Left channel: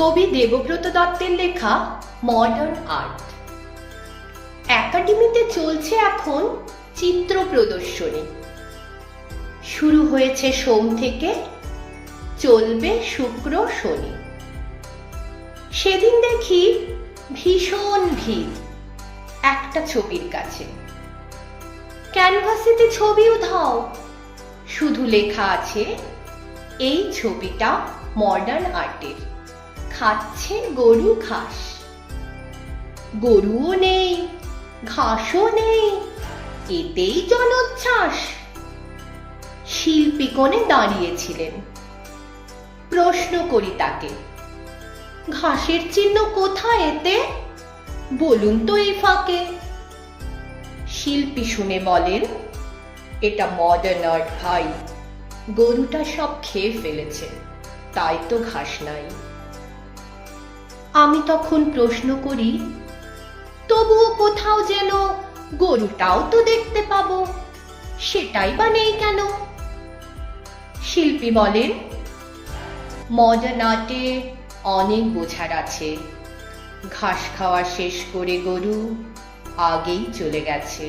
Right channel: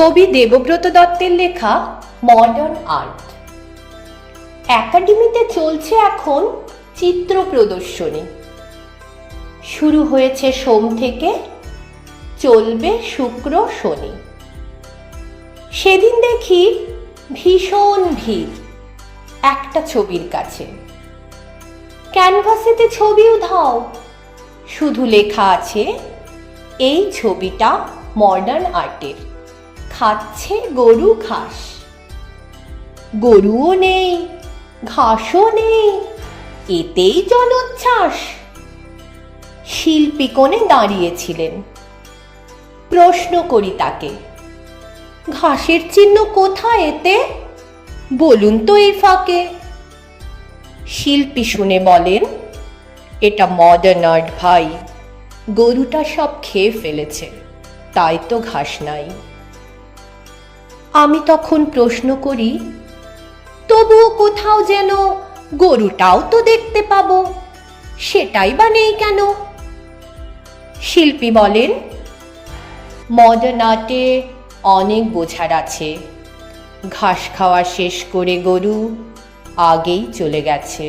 কবি দেবব্রত দত্তের লেখা মডার্ন আর্ট। একাডেমিতে চলছে এখন চিত্র প্রদর্শনী। শুরু হয়েছে সোম থেকে, চলবে শুক্র শনি। সেদিন দেখি ভীষণ ভিড় একটা ছবির কাছে। ক্যানভাসেতে ছবি উধাও, শুধু লেখা আছে এই ছবিটা মডার্ন আর্টের, খাচ্ছে গরু ঘাস। গরুও নেই, ঘাসও নেই, এতেই জলোচ্ছ্বাস। শিল্পী কোণে দাঁড়িয়েছিলেন। প্রশ্ন করি তাকে, ঘাসের চিহ্ন কোথায় এতে? বলুন তো এই ফাঁকে। শিল্পী শুনে বলেন, এটা মডার্ন আর্ট ভাই, গরুটা সব খেয়ে ফেলেছে, তাই তো ঘাস নাই। আমি তখন প্রশ্ন করি, তবুও কোথাও যেন গরুটাও তো দেখতে পাবো, সেটাই বা নেই কেন? শিল্পী বলেন, মডার্ন আর্টে অনেক বোঝার আছে। ঘাস খাওয়া শেষ করে গরু আগেই চলে গেছে।